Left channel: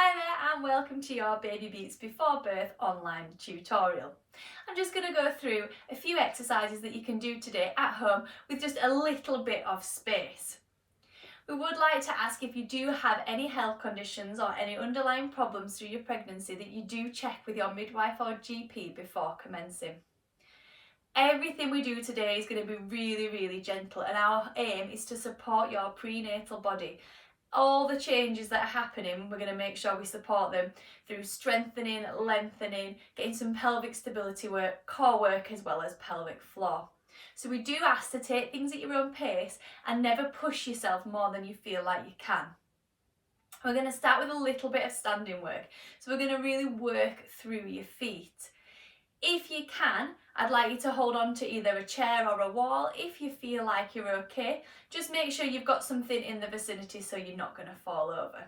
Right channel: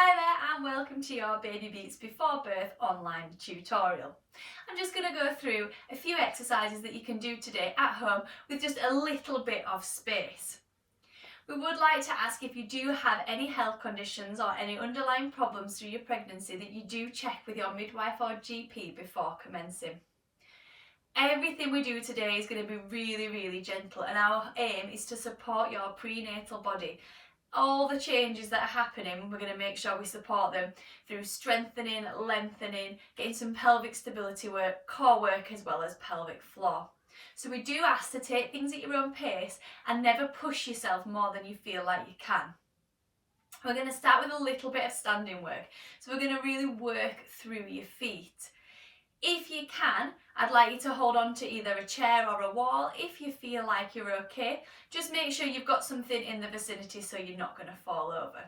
Hi there and welcome to your BabyBeats Before Birth online tutorial. I'm just going to go through a few exercises that you can do today at home with just a little bit of space. We would like to ask if you do have any health conditions or any underlying problems through your pregnancy that you do check with your midwife or GP before commencing. Everything we do today is going to be really gentle, and our aim is to support your prenatal body. All the changes that are happening, we're going to make sure we support them through strengthening, lengthening, getting some pelvic stability work, core work, as well as pelvic floor. So we do ask to take things at your own pace and never push yourself more than you feel like you can. We're going to start with a little bit of standing work. So we're going to really work through your feet. If you can, I'd like you to hold on to either a chair or a wall. If you feel like you're okay, just make sure you've got something in the vicinity so you're not going to fall over.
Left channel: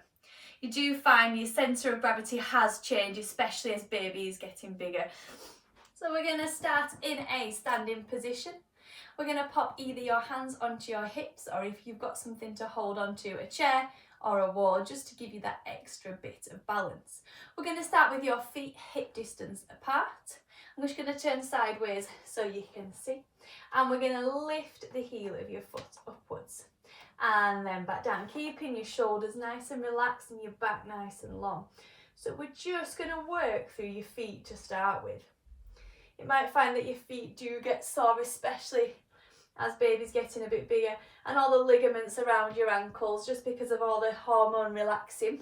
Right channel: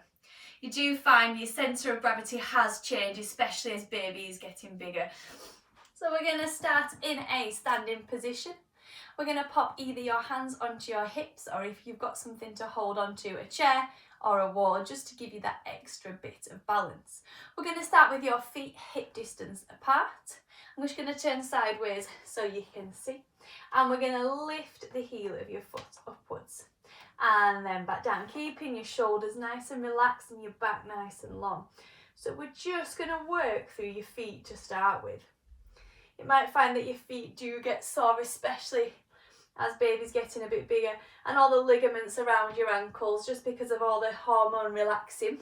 You do find your centre of gravity has changed, especially as baby is getting bigger. So we're going to start in a standing position. We're going to pop either your hands onto your hips, or if you've got something to hold onto, a chair or a wall, just to give you that extra bit of balance. We're going to start with your feet hip distance apart. I'm just going to turn sideways so you can see, and we're going to lift the heel of your foot upwards and then back down, keeping your shoulders nice and relaxed and your back nice and long. So we're just going to work through your feet to start with. You might find that your feet do get sore, especially as baby's getting a bit bigger, and all the ligaments around your ankles, just because of all the hormone relaxing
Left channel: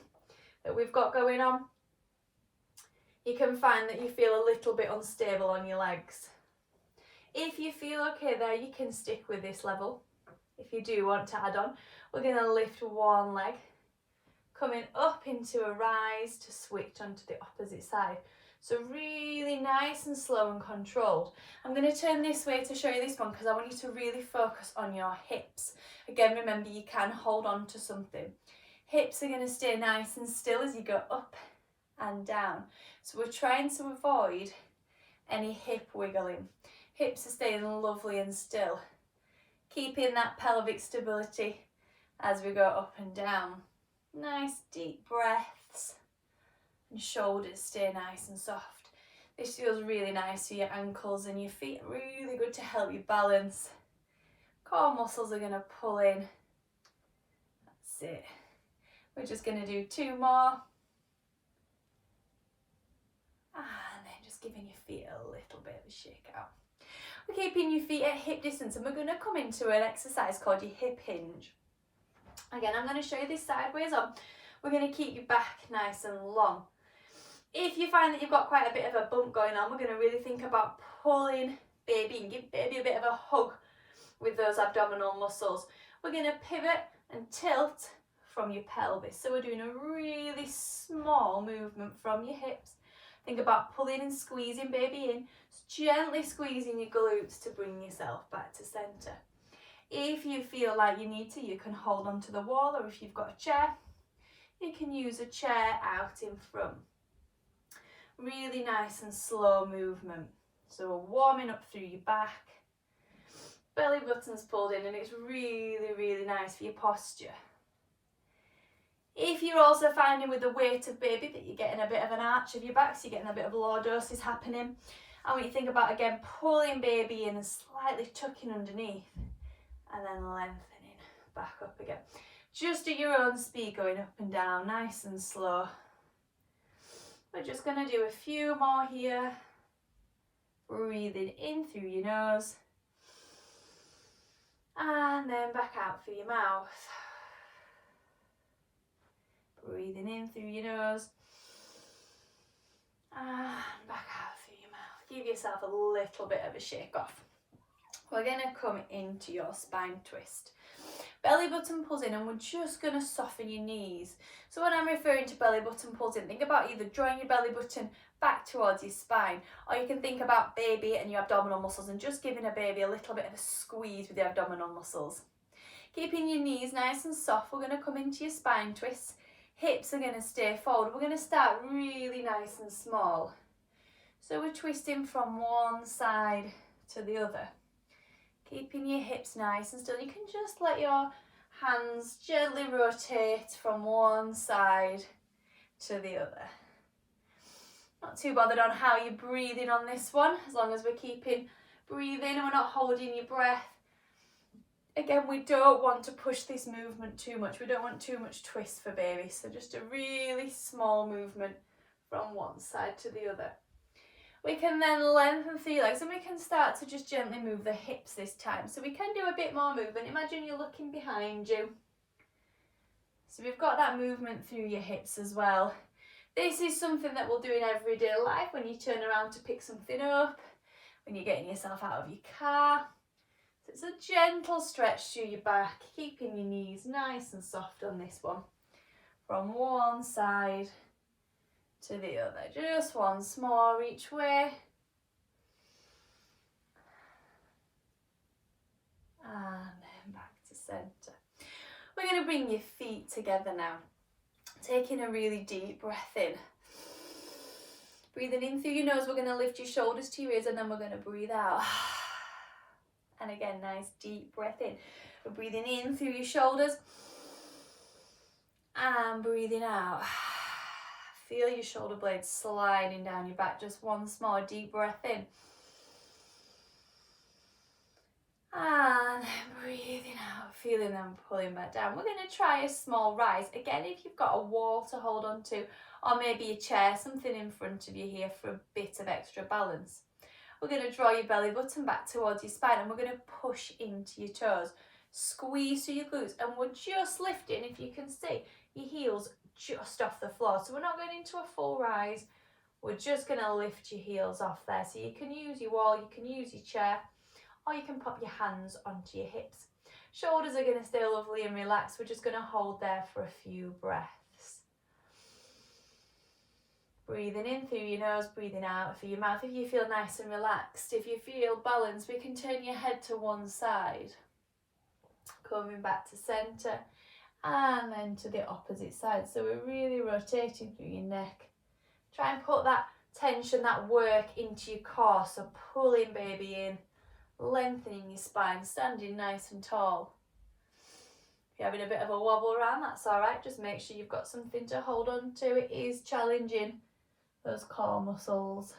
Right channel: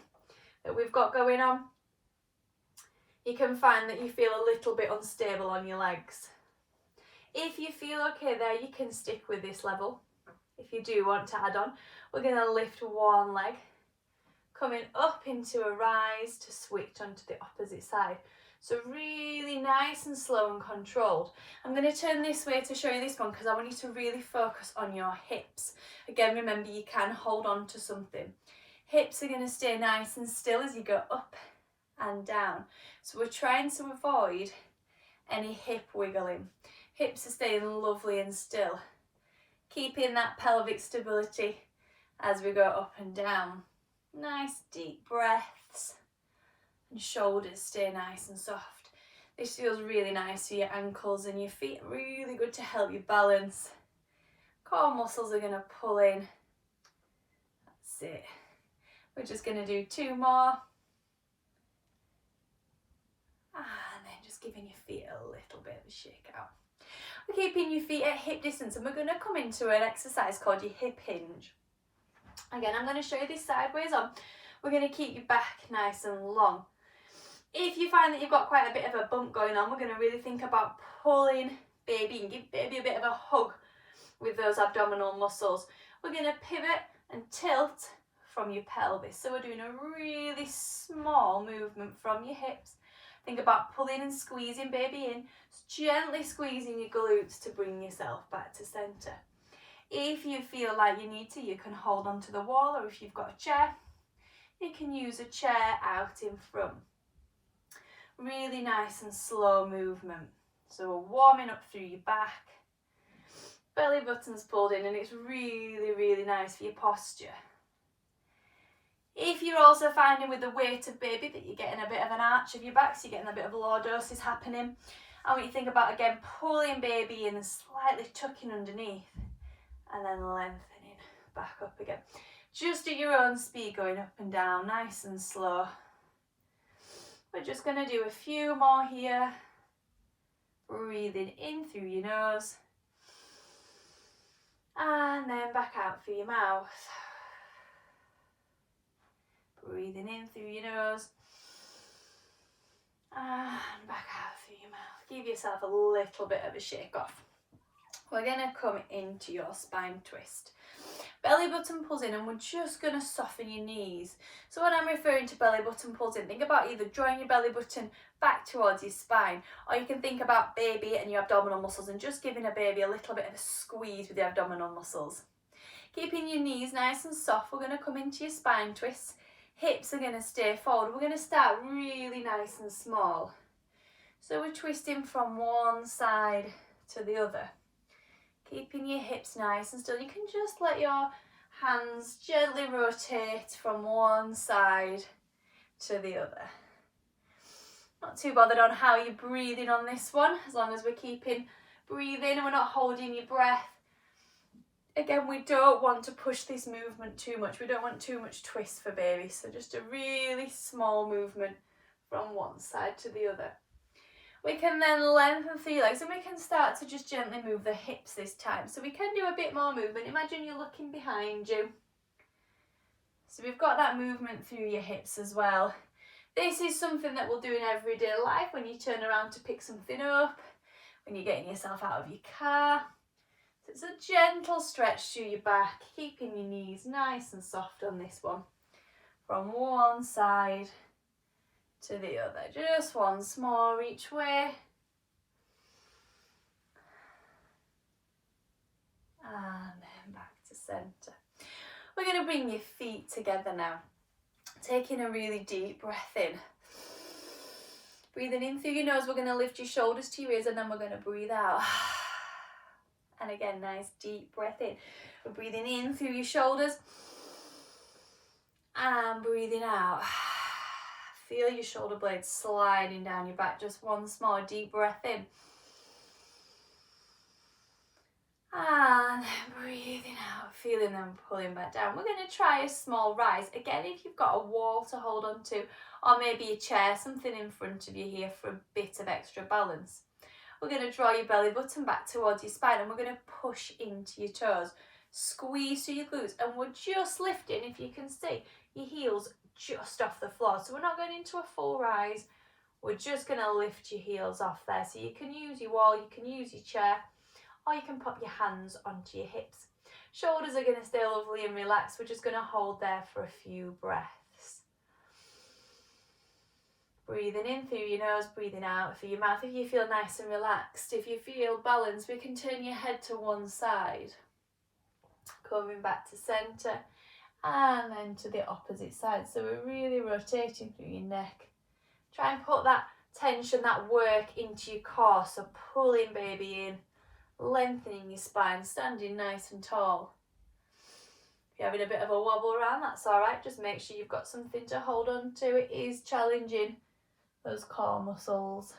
that we've got going on. You can find that you feel a little bit unstable on your legs. If you feel okay there, you can stick with this level. If you do want to add on, we're going to lift one leg, coming up into a rise to switch onto the opposite side. So really nice and slow and controlled. I'm going to turn this way to show you this one because I want you to really focus on your hips. Again, remember you can hold on to something. Hips are going to stay nice and still as you go up and down. So we're trying to avoid any hip wiggling. Hips are staying lovely and still, keeping that pelvic stability as we go up and down. Nice deep breaths, and shoulders stay nice and soft. This feels really nice for your ankles and your feet, really good to help you balance. Core muscles are going to pull in. That's it. We're just going to do two more. And then just giving your feet a little bit of a shake out. We're keeping your feet at hip distance, and we're going to come into an exercise called your hip hinge. Again, I'm going to show you this sideways on. We're going to keep your back nice and long. If you find that you've got quite a bit of a bump going on, we're going to really think about pulling baby and give baby a bit of a hug with those abdominal muscles. We're going to pivot and tilt from your pelvis. So we're doing a really small movement from your hips. Think about pulling and squeezing baby in, gently squeezing your glutes to bring yourself back to centre. If you feel like you need to, you can hold onto the wall, or if you've got a chair, you can use a chair out in front. Really nice and slow movement. So we're warming up through your back, belly button's pulled in, and it's really nice for your posture. If you're also finding with the weight of baby that you're getting a bit of an arch of your back, so you're getting a bit of lordosis happening, I want you to think about, again, pulling baby in and slightly tucking underneath, and then lengthening back up again. Just at your own speed, going up and down, nice and slow. We're just going to do a few more here. Breathing in through your nose, and then back out through your mouth. Breathing in through your nose and back out through your mouth. Give yourself a little bit of a shake off. We're going to come into your spine twist. Belly button pulls in, and we're just going to soften your knees. So when I'm referring to belly button pulls in, think about either drawing your belly button back towards your spine, or you can think about baby and your abdominal muscles and just giving a baby a little bit of a squeeze with the abdominal muscles. Keeping your knees nice and soft, we're going to come into your spine twist. Hips are going to stay forward. We're going to start really nice and small. So we're twisting from one side to the other. Keeping your hips nice and still. You can just let your hands gently rotate from one side to the other. Not too bothered on how you're breathing on this one, as long as we're keeping breathing and we're not holding your breath. Again, we don't want to push this movement too much. We don't want too much twist for baby. So just a really small movement from one side to the other. We can then lengthen through your legs and we can start to just gently move the hips this time. So we can do a bit more movement. Imagine you're looking behind you. So we've got that movement through your hips as well. This is something that we'll do in everyday life when you turn around to pick something up, when you're getting yourself out of your car. So it's a gentle stretch through your back, keeping your knees nice and soft on this one. From one side to the other, just once more each way. And then back to centre. We're going to bring your feet together now. Taking a really deep breath in. Breathing in through your nose, we're going to lift your shoulders to your ears and then we're going to breathe out. And again, nice deep breath in. We're breathing in through your shoulders and breathing out. Feel your shoulder blades sliding down your back. Just one small deep breath in. And then breathing out, feeling them pulling back down. We're going to try a small rise. Again, if you've got a wall to hold on to, or maybe a chair, something in front of you here for a bit of extra balance. We're going to draw your belly button back towards your spine and we're going to push into your toes. Squeeze through your glutes and we're just lifting, if you can see, your heels just off the floor. So we're not going into a full rise. We're just going to lift your heels off there. So you can use your wall, you can use your chair, or you can pop your hands onto your hips. Shoulders are going to stay lovely and relaxed. We're just going to hold there for a few breaths. Breathing in through your nose, breathing out through your mouth. If you feel nice and relaxed, if you feel balanced, we can turn your head to one side. Coming back to centre and then to the opposite side. So we're really rotating through your neck. Try and put that tension, that work into your core. So pulling baby in, lengthening your spine, standing nice and tall. If you're having a bit of a wobble around, that's all right. Just make sure you've got something to hold on to. It is challenging those core muscles.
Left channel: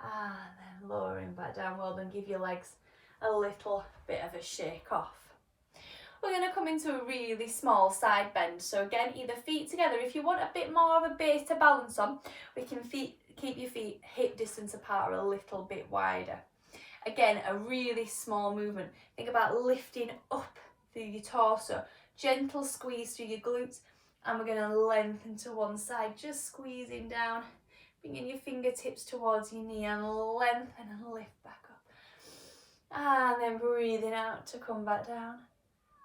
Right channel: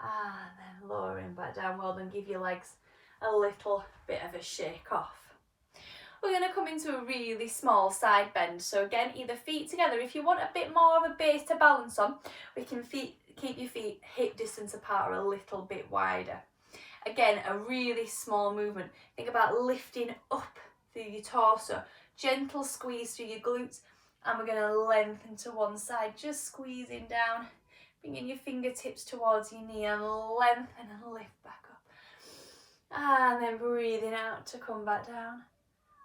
And then lowering back down. Well done. Give your legs a little bit of a shake off. We're going to come into a really small side bend. So again, either feet together. If you want a bit more of a base to balance on, we can keep your feet hip distance apart or a little bit wider. Again, a really small movement. Think about lifting up through your torso. Gentle squeeze through your glutes. And we're going to lengthen to one side, just squeezing down. Bringing your fingertips towards your knee and lengthen and lift back up. And then breathing out to come back down.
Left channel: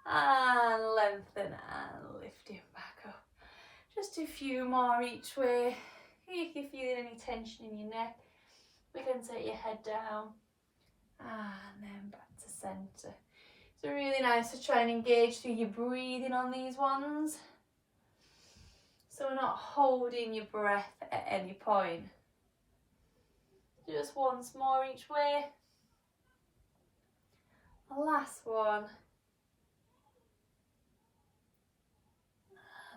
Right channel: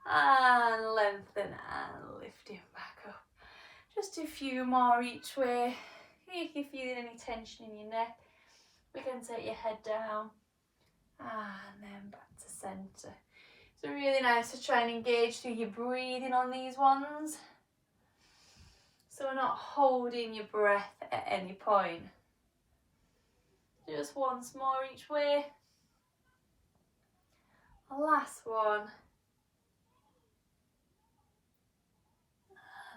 And lengthen and lifting back up. Just a few more each way. If you're feeling any tension in your neck, we can take your head down. And then back to centre. It's really nice to try and engage through your breathing on these ones. So we're not holding your breath at any point. Just once more each way. Last one.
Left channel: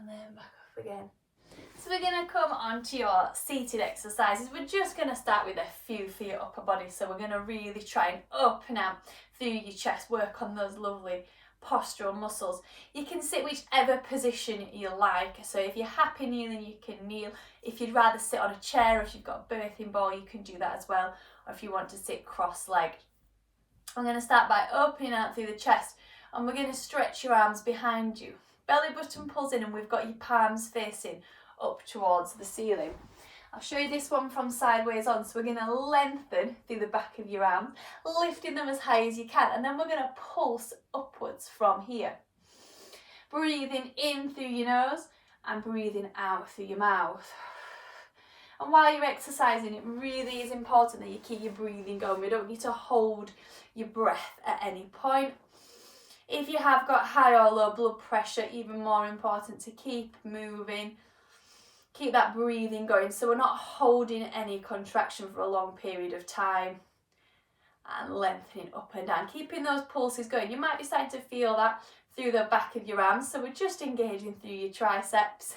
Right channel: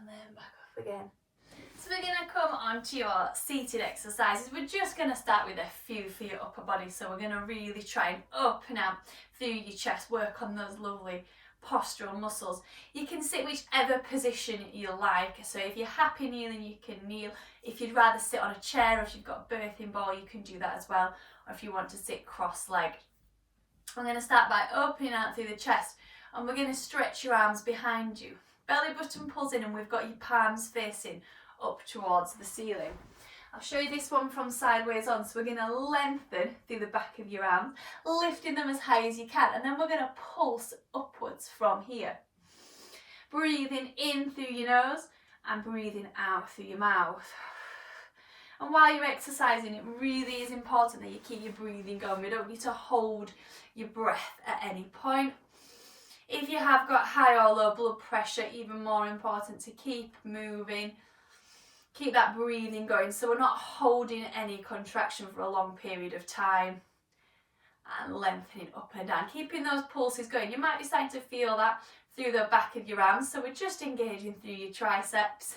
And then back off again. So we're going to come on to your seated exercises. We're just going to start with a few for your upper body. So we're going to really try and open out through your chest, work on those lovely postural muscles. You can sit whichever position you like. So if you're happy kneeling, you can kneel. If you'd rather sit on a chair, or if you've got a birthing ball, you can do that as well. Or if you want to sit cross-legged. I'm going to start by opening out through the chest, and we're going to stretch your arms behind you. Belly button pulls in and we've got your palms facing up towards the ceiling. I'll show you this one from sideways on. So we're going to lengthen through the back of your arms, lifting them as high as you can, and then we're going to pulse upwards from here. Breathing in through your nose and breathing out through your mouth. And while you're exercising, it really is important that you keep your breathing going. We don't need to hold your breath at any point. If you have got high or low blood pressure, even more important to keep moving. Keep that breathing going so we're not holding any contraction for a long period of time. And lengthening up and down, keeping those pulses going. You might be starting to feel that through the back of your arms, so we're just engaging through your triceps.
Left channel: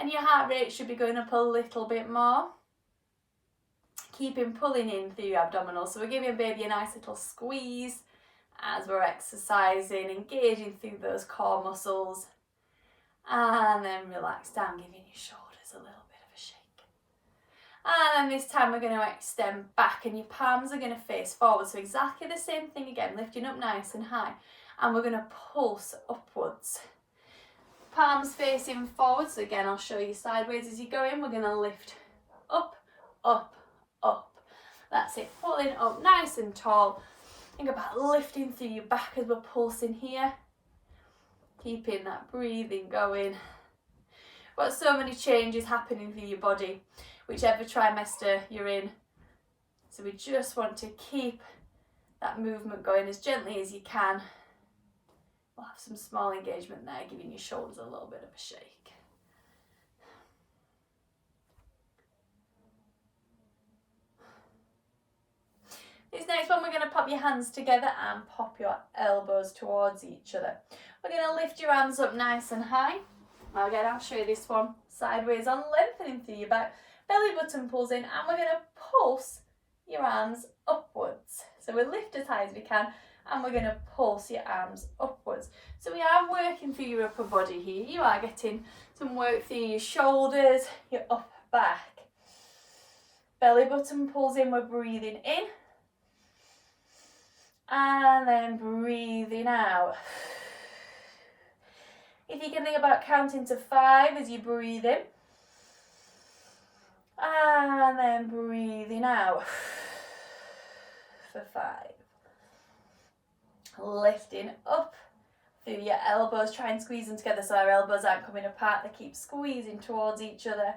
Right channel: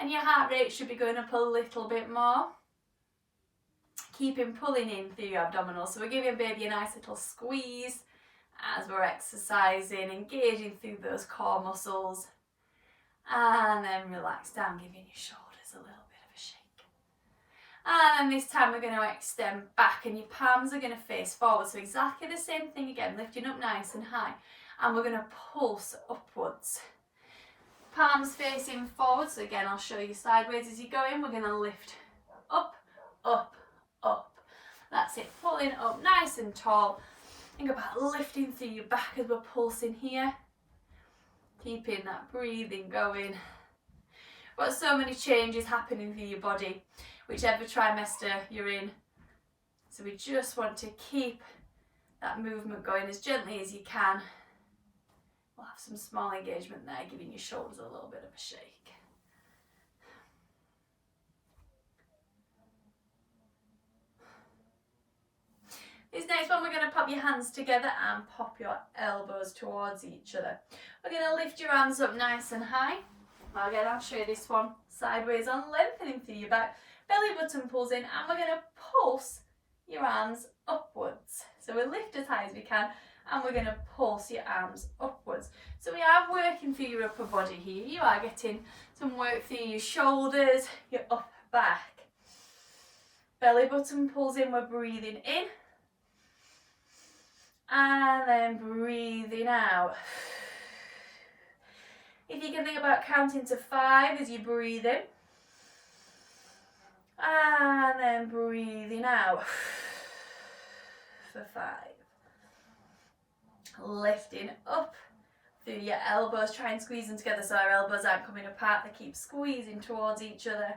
and your heart rate should be going up a little bit more. Keeping pulling in through your abdominals. So we're giving baby a nice little squeeze as we're exercising, engaging through those core muscles, and then relax down, giving your shoulders a little bit of a shake. And then this time we're going to extend back, and your palms are going to face forward. So exactly the same thing again, lifting up nice and high, and we're going to pulse upwards. Palms facing forward. So again, I'll show you sideways as you go in. We're going to lift up, up, up. That's it, pulling up nice and tall. Think about lifting through your back as we're pulsing here. Keeping that breathing going. Got so many changes happening through your body, whichever trimester you're in. So we just want to keep that movement going as gently as you can. We'll have some small engagement there, giving your shoulders a little bit of a shake. This next one, we're going to pop your hands together and pop your elbows towards each other. We're going to lift your arms up nice and high. Again, I'll show you this one sideways on, lengthening through your back. Belly button pulls in, and we're going to pulse your arms upwards. So we'll lift as high as we can, and we're going to pulse your arms upwards. So we are working through your upper body here. You are getting some work through your shoulders, your upper back. Belly button pulls in, we're breathing in. And then breathing out. If you can think about counting to 5 as you breathe in. And then breathing out for 5. Lifting up through your elbows. Try and squeeze them together so our elbows aren't coming apart. They keep squeezing towards each other.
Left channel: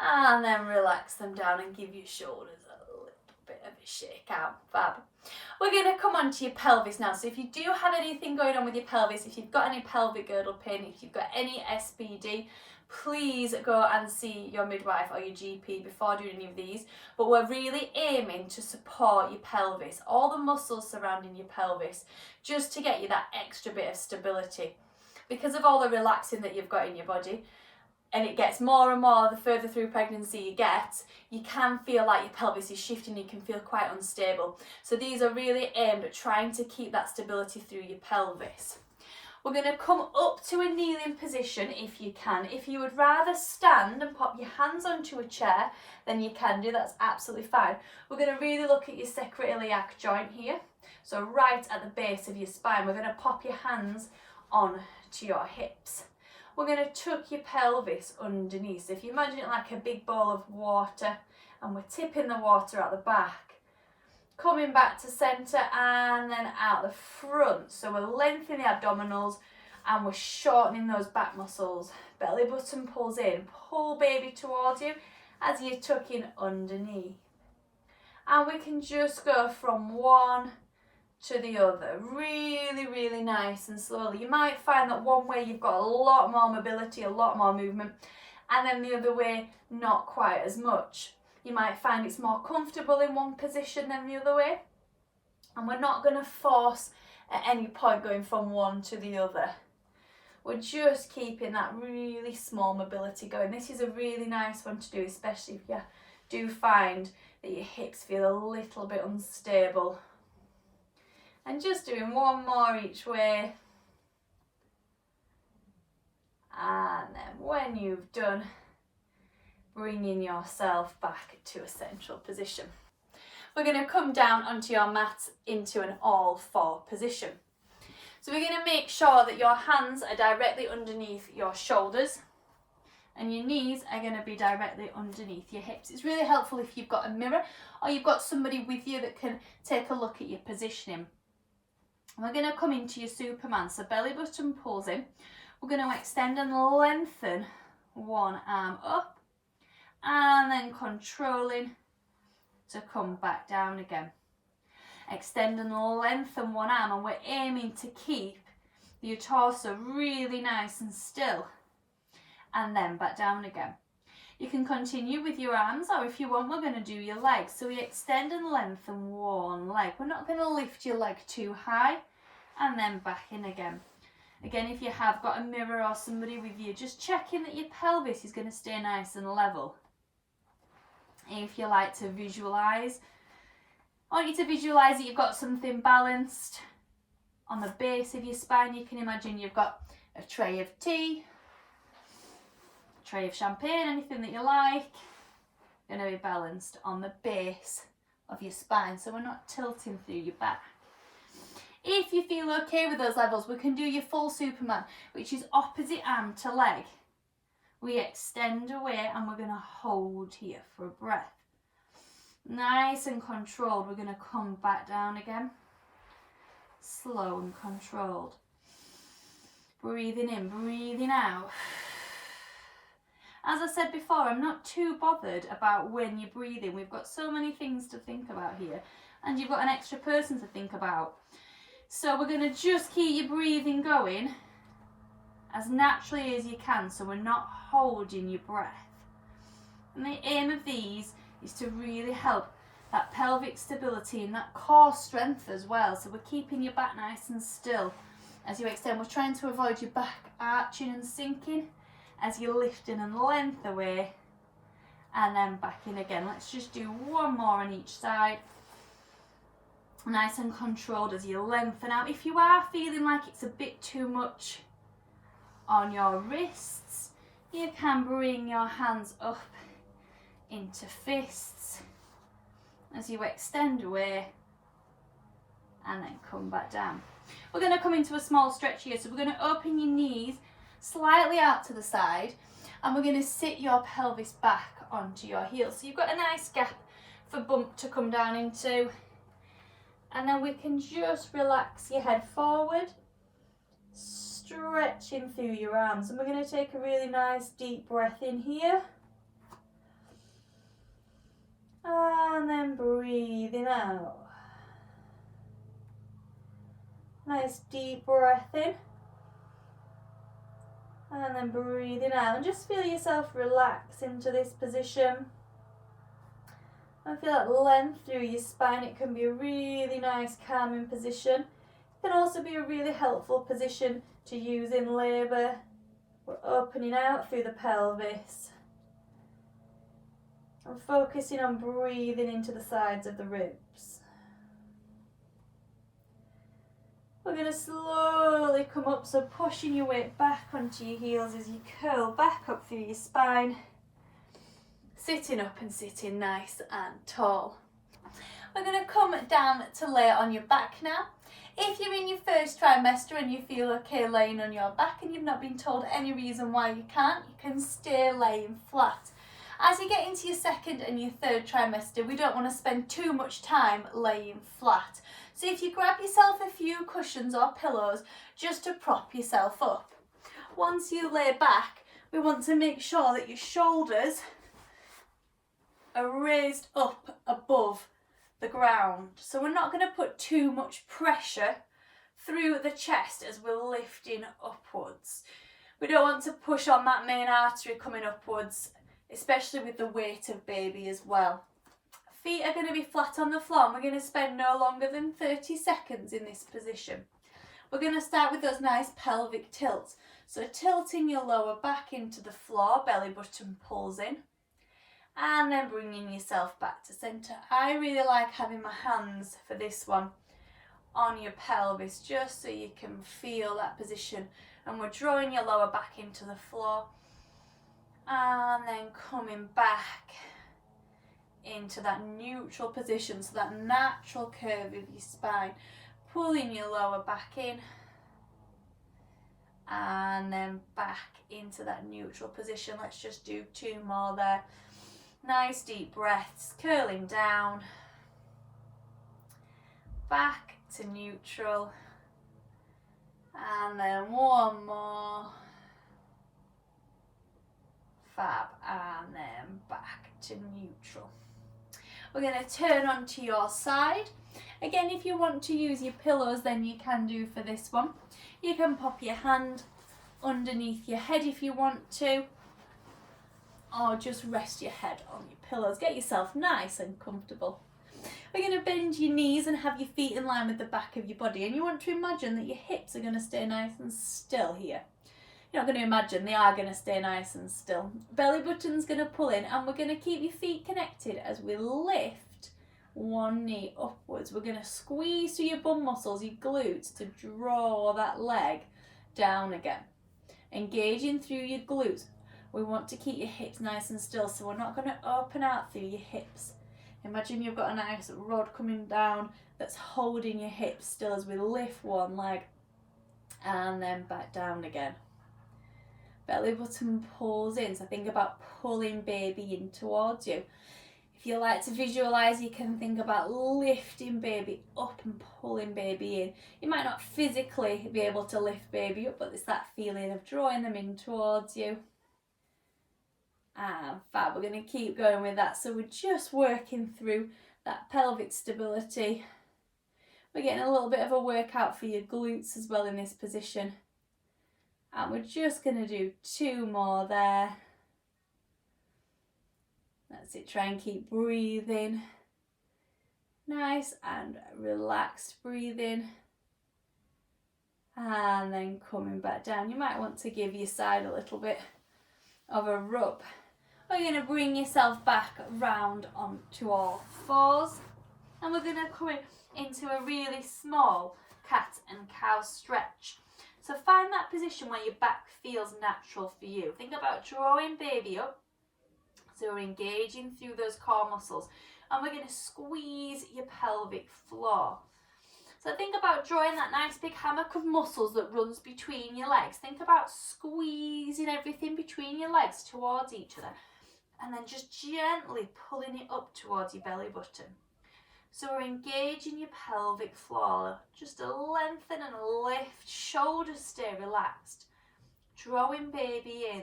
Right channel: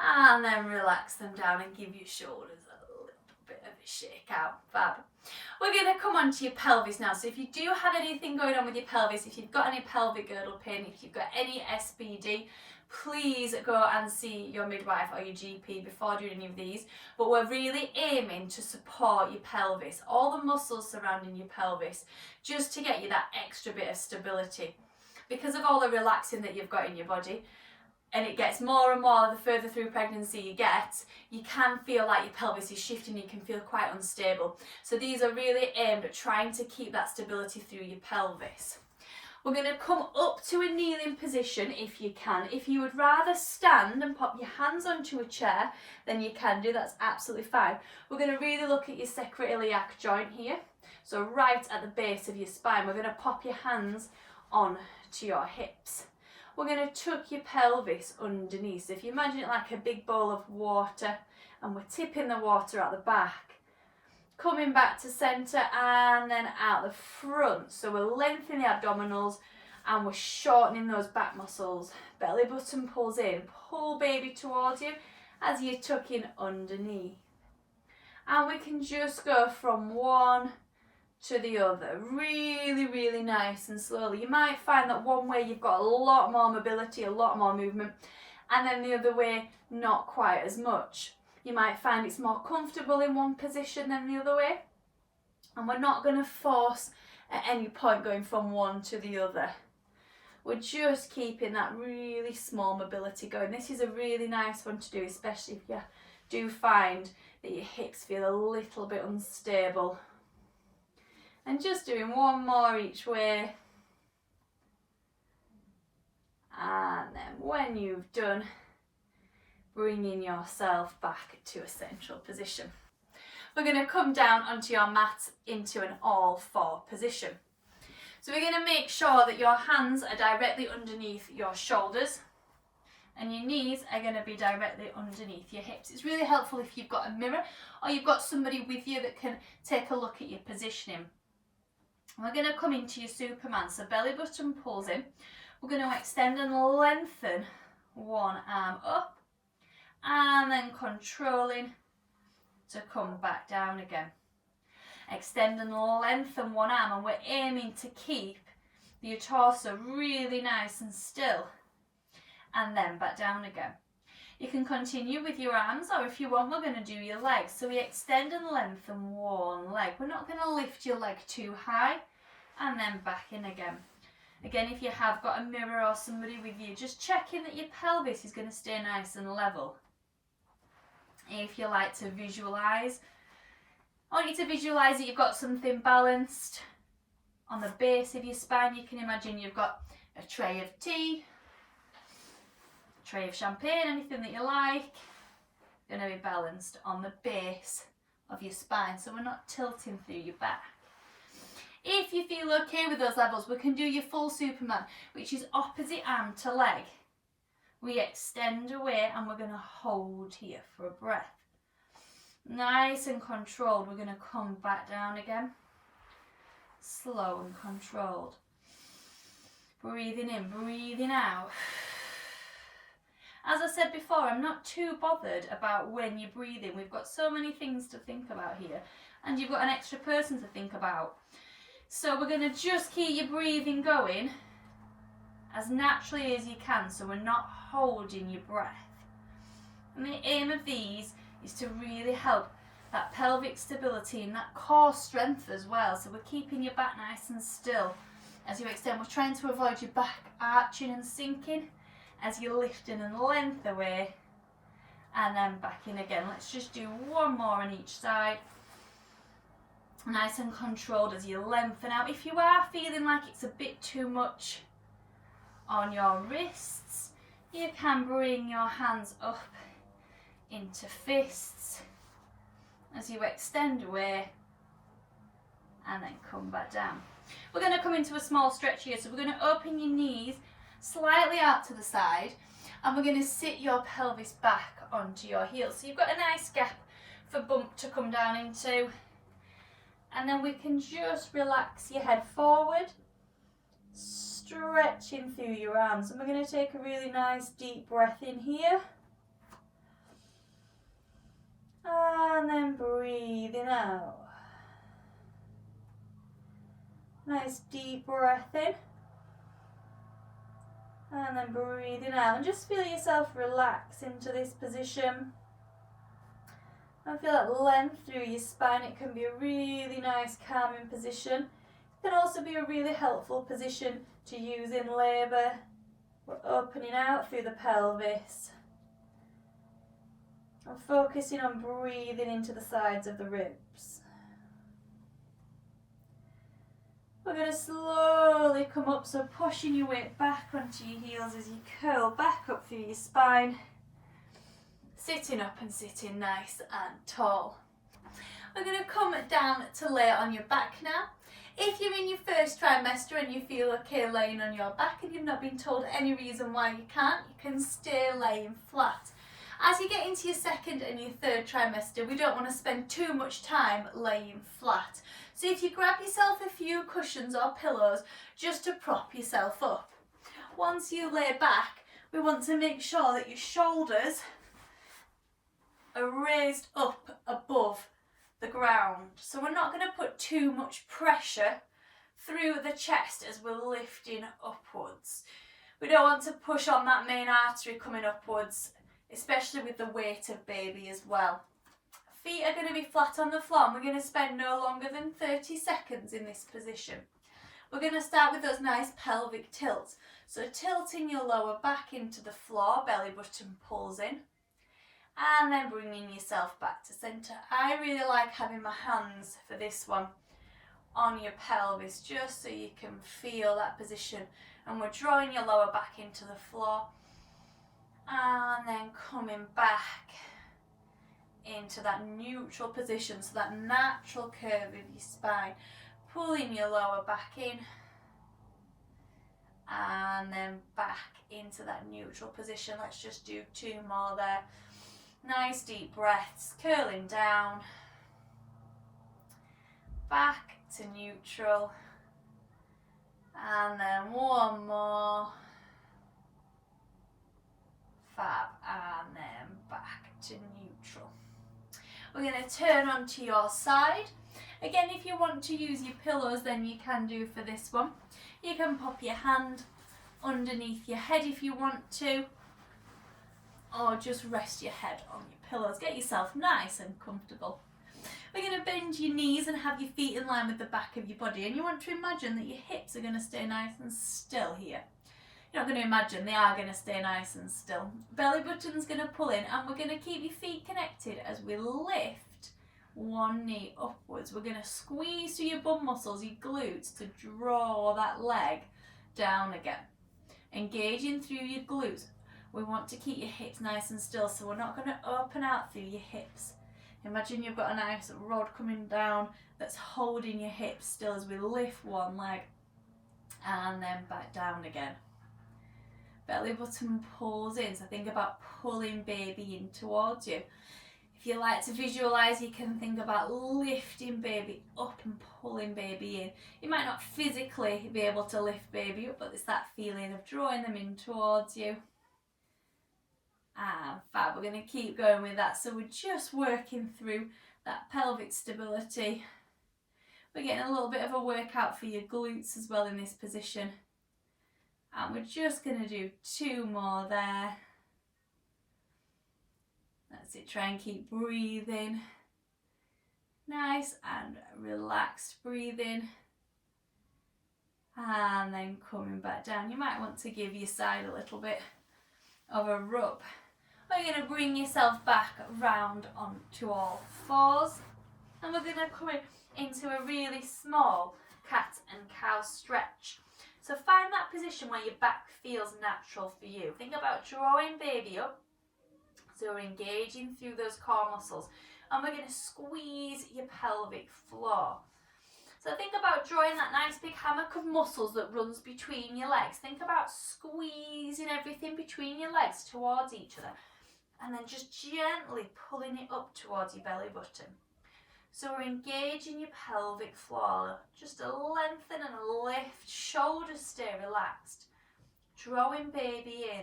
And then relax them down and give your shoulders a little bit of a shake out. Fab. We're going to come on to your pelvis now. So if you do have anything going on with your pelvis, if you've got any pelvic girdle pain, if you've got any SBD, please go and see your midwife or your GP before doing any of these. But we're really aiming to support your pelvis, all the muscles surrounding your pelvis, just to get you that extra bit of stability. Because of all the relaxing that you've got in your body, and it gets more and more the further through pregnancy you get, you can feel like your pelvis is shifting, you can feel quite unstable. So these are really aimed at trying to keep that stability through your pelvis. We're going to come up to a kneeling position if you can. If you would rather stand and pop your hands onto a chair, then you can do, that's absolutely fine. We're going to really look at your sacroiliac joint here. So right at the base of your spine, we're going to pop your hands on to your hips. We're going to tuck your pelvis underneath. So if you imagine it like a big bowl of water, and we're tipping the water out the back, coming back to centre and then out the front. So we're lengthening the abdominals and we're shortening those back muscles. Belly button pulls in, pull baby towards you as you're tucking underneath. And we can just go from one to the other, really, really nice and slowly. You might find that one way you've got a lot more mobility, a lot more movement, and then the other way not quite as much. You might find it's more comfortable in one position than the other way, and we're not going to force at any point going from one to the other. We're just keeping that really small mobility going. This is a really nice one to do, especially if you do find that your hips feel a little bit unstable. And just doing one more each way. And then when you've done, bringing yourself back to a central position. We're going to come down onto your mat into an all-four position. So we're going to make sure that your hands are directly underneath your shoulders and your knees are going to be directly underneath your hips. It's really helpful if you've got a mirror or you've got somebody with you that can take a look at your positioning. We're going to come into your Superman, so belly button pulls in. We're going to extend and lengthen one arm up and then controlling to come back down again. Extend and lengthen one arm, and we're aiming to keep your torso really nice and still, and then back down again. You can continue with your arms, or if you want, we're going to do your legs. So we extend and lengthen one leg. We're not going to lift your leg too high, and then back in again. Again, if you have got a mirror or somebody with you, just checking that your pelvis is going to stay nice and level. If you like to visualise, I want you to visualise that you've got something balanced on the base of your spine. You can imagine you've got a tray of tea, a tray of champagne, anything that you like, going to be balanced on the base of your spine, so we're not tilting through your back. If you feel okay with those levels, we can do your full Superman, which is opposite arm to leg. We extend away and we're going to hold here for a breath. Nice and controlled. We're going to come back down again. Slow and controlled. Breathing in, breathing out. As I said before, I'm not too bothered about when you're breathing. We've got so many things to think about here, and you've got an extra person to think about. So we're going to just keep your breathing going as naturally as you can, so we're not holding your breath. And the aim of these is to really help that pelvic stability and that core strength as well. So we're keeping your back nice and still as you extend. We're trying to avoid your back arching and sinking as you're lifting and length away and then back in again. Let's just do one more on each side. Nice and controlled as you lengthen out. If you are feeling like it's a bit too much on your wrists, you can bring your hands up into fists as you extend away and then come back down. We're going to come into a small stretch here, so we're going to open your knees slightly out to the side and we're going to sit your pelvis back onto your heels. So you've got a nice gap for bump to come down into, and then we can just relax your head forward, stretching through your arms. And we're going to take a really nice deep breath in here. And then breathing out. Nice deep breath in. And then breathing out. And just feel yourself relax into this position. And feel that length through your spine. It can be a really nice calming position. It can also be a really helpful position to use in labour. We're opening out through the pelvis. And focusing on breathing into the sides of the ribs. We're going to slowly come up, so pushing your weight back onto your heels as you curl back up through your spine. Sitting up and sitting nice and tall. We're going to come down to lay on your back now. If you're in your first trimester and you feel okay laying on your back and you've not been told any reason why you can't, you can stay laying flat. As you get into your second and your third trimester, we don't want to spend too much time laying flat. So if you grab yourself a few cushions or pillows just to prop yourself up. Once you lay back, we want to make sure that your shoulders are raised up above the ground. So we're not going to put too much pressure through the chest as we're lifting upwards. We don't want to push on that main artery coming upwards, especially with the weight of baby as well. Feet are going to be flat on the floor and we're going to spend no longer than 30 seconds in this position. We're going to start with those nice pelvic tilts. So tilting your lower back into the floor, belly button pulls in, and then bringing yourself back to centre. I really like having my hands for this one on your pelvis just so you can feel that position, and we're drawing your lower back into the floor and then coming back into that neutral position, so that natural curve of your spine, pulling your lower back in and then back into that neutral position. Let's just do two more there. Nice deep breaths, curling down, back to neutral, and then one more, fab, and then back to neutral. We're going to turn onto your side. Again, if you want to use your pillows, then you can do for this one. You can pop your hand underneath your head if you want to, or just rest your head on your pillows. Get yourself nice and comfortable. We're going to bend your knees and have your feet in line with the back of your body, and you want to imagine that your hips are going to stay nice and still here. You're not going to imagine, they are going to stay nice and still. Belly button's going to pull in, and we're going to keep your feet connected as we lift one knee upwards. We're going to squeeze through your bum muscles, your glutes, to draw that leg down again. Engaging through your glutes. We want to keep your hips nice and still, so we're not going to open out through your hips. Imagine you've got a nice rod coming down that's holding your hips still as we lift one leg and then back down again. Belly button pulls in, so think about pulling baby in towards you. If you like to visualise, you can think about lifting baby up and pulling baby in. You might not physically be able to lift baby up, but it's that feeling of drawing them in towards you. And fab, we're going to keep going with that. So we're just working through that pelvic stability. We're getting a little bit of a workout for your glutes as well in this position. And we're just going to do 2 more there. That's it, try and keep breathing. Nice and relaxed breathing. And then coming back down. You might want to give your side a little bit of a rub. We're going to bring yourself back round onto all fours, and we're going to come into a really small cat and cow stretch. So find that position where your back feels natural for you. Think about drawing baby up, so we're engaging through those core muscles, and we're going to squeeze your pelvic floor. So think about drawing that nice big hammock of muscles that runs between your legs. Think about squeezing everything between your legs towards each other, and then just gently pulling it up towards your belly button. So we're engaging your pelvic floor. Just a lengthen and a lift. Shoulders stay relaxed. Drawing baby in.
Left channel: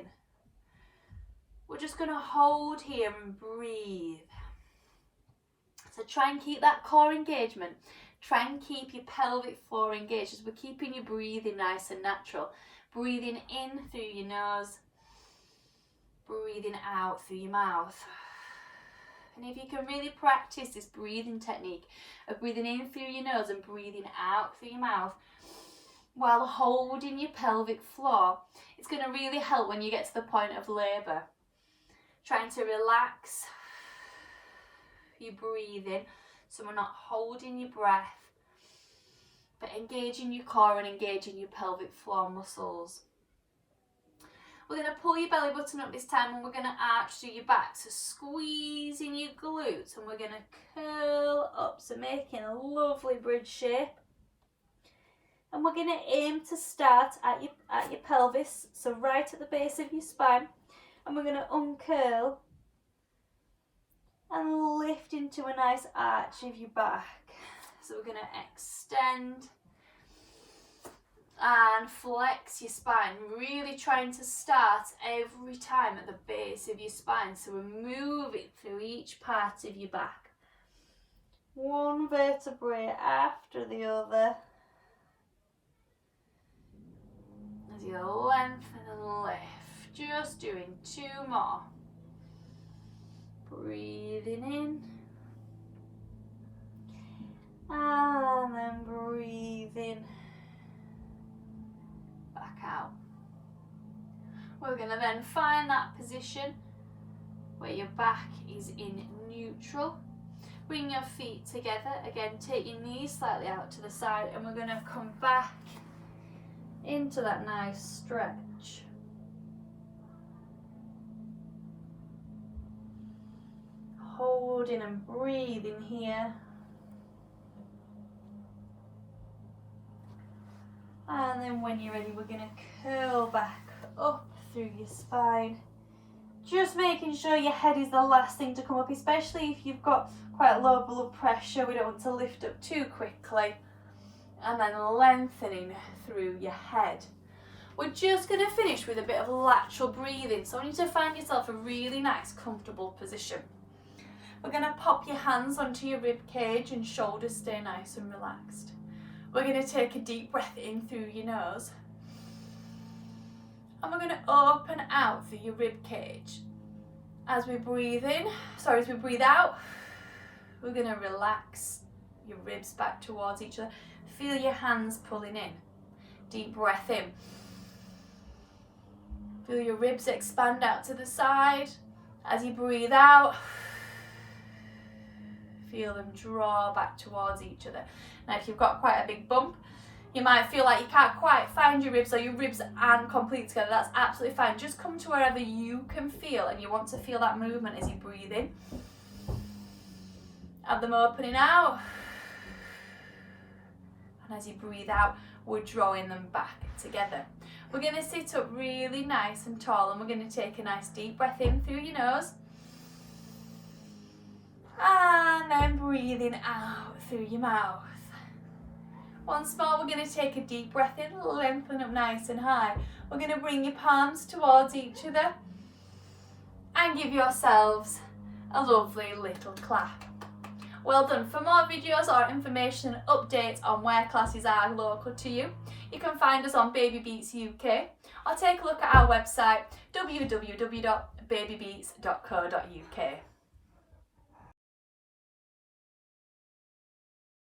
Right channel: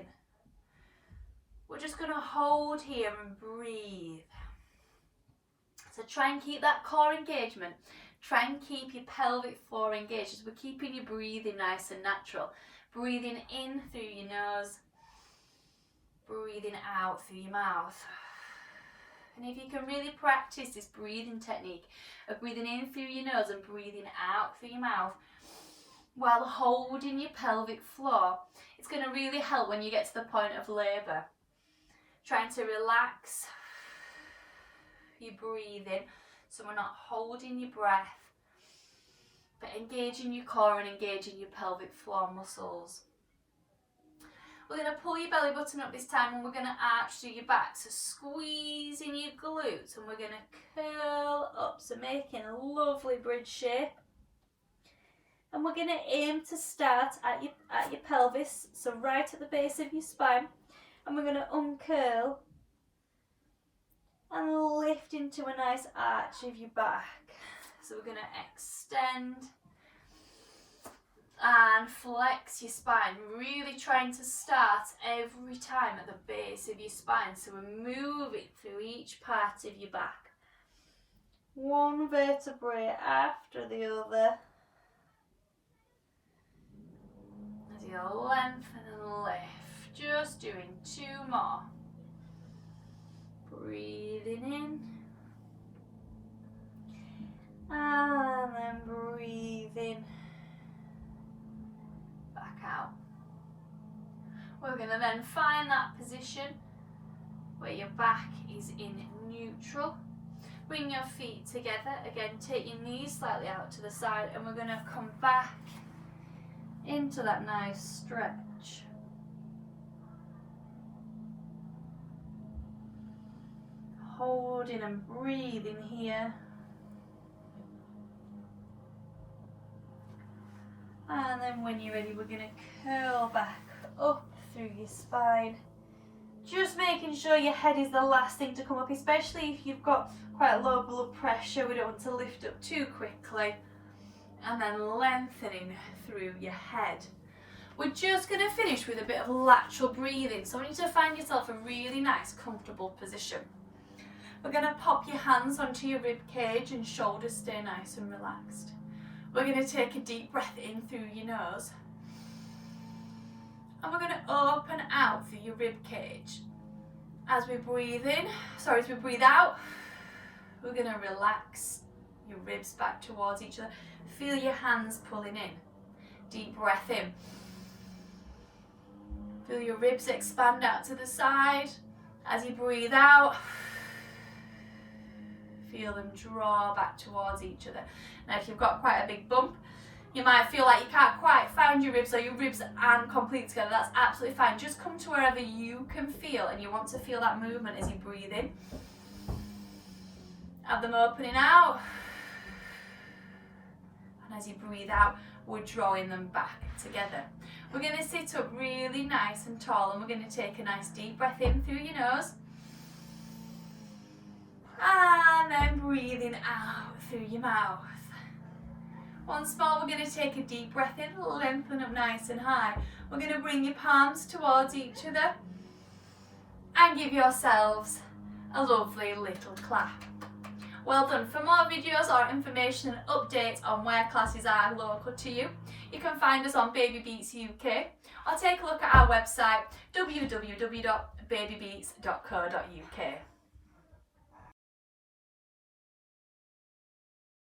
We're just going to hold here and breathe. So try and keep that core engagement. Try and keep your pelvic floor engaged as we're keeping your breathing nice and natural. Breathing in through your nose. Breathing out through your mouth. And if you can really practice this breathing technique of breathing in through your nose and breathing out through your mouth while holding your pelvic floor, it's going to really help when you get to the point of labour. Trying to relax your breathing so we're not holding your breath, but engaging your core and engaging your pelvic floor muscles. We're going to pull your belly button up this time, and we're going to arch through your back, so squeezing your glutes, and we're going to curl up, so making a lovely bridge shape. And we're going to aim to start at your pelvis, so right at the base of your spine, and we're going to uncurl and lift into a nice arch of your back. So we're going to extend and flex your spine, really trying to start every time at the base of your spine, so we're moving through each part of your back, one vertebrae after the other, as you lengthen and lift. Just doing 2 more. Breathing in and then breathing back out. We're going to then find that position where your back is in neutral. Bring your feet together. Again, take your knees slightly out to the side, and we're going to come back into that nice stretch. Holding and breathing here. And then when you're ready, we're going to curl back up through your spine. Just making sure your head is the last thing to come up, especially if you've got quite low blood pressure. We don't want to lift up too quickly. And then lengthening through your head. We're just going to finish with a bit of lateral breathing. So I want you to find yourself a really nice, comfortable position. We're going to pop your hands onto your rib cage and shoulders stay nice and relaxed. We're going to take a deep breath in through your nose. And we're going to open out through your rib cage. As we breathe out, We're going to relax your ribs back towards each other. Feel your hands pulling in. Deep breath in. Feel your ribs expand out to the side. As you breathe out, feel them draw back towards each other. Now if you've got quite a big bump, you might feel like you can't quite find your ribs, or your ribs aren't completely together. That's absolutely fine. Just come to wherever you can feel, and you want to feel that movement as you breathe in. Have them opening out. And as you breathe out, we're drawing them back together. We're going to sit up really nice and tall, and we're going to take a nice deep breath in through your nose. And then breathing out through your mouth. Once more, we're going to take a deep breath in, lengthen up nice and high. We're going to bring your palms towards each other and give yourselves a lovely little clap. Well done. For more videos or information and updates on where classes are local to you, you can find us on BabyBeats UK, or take a look at our website www.babybeats.co.uk.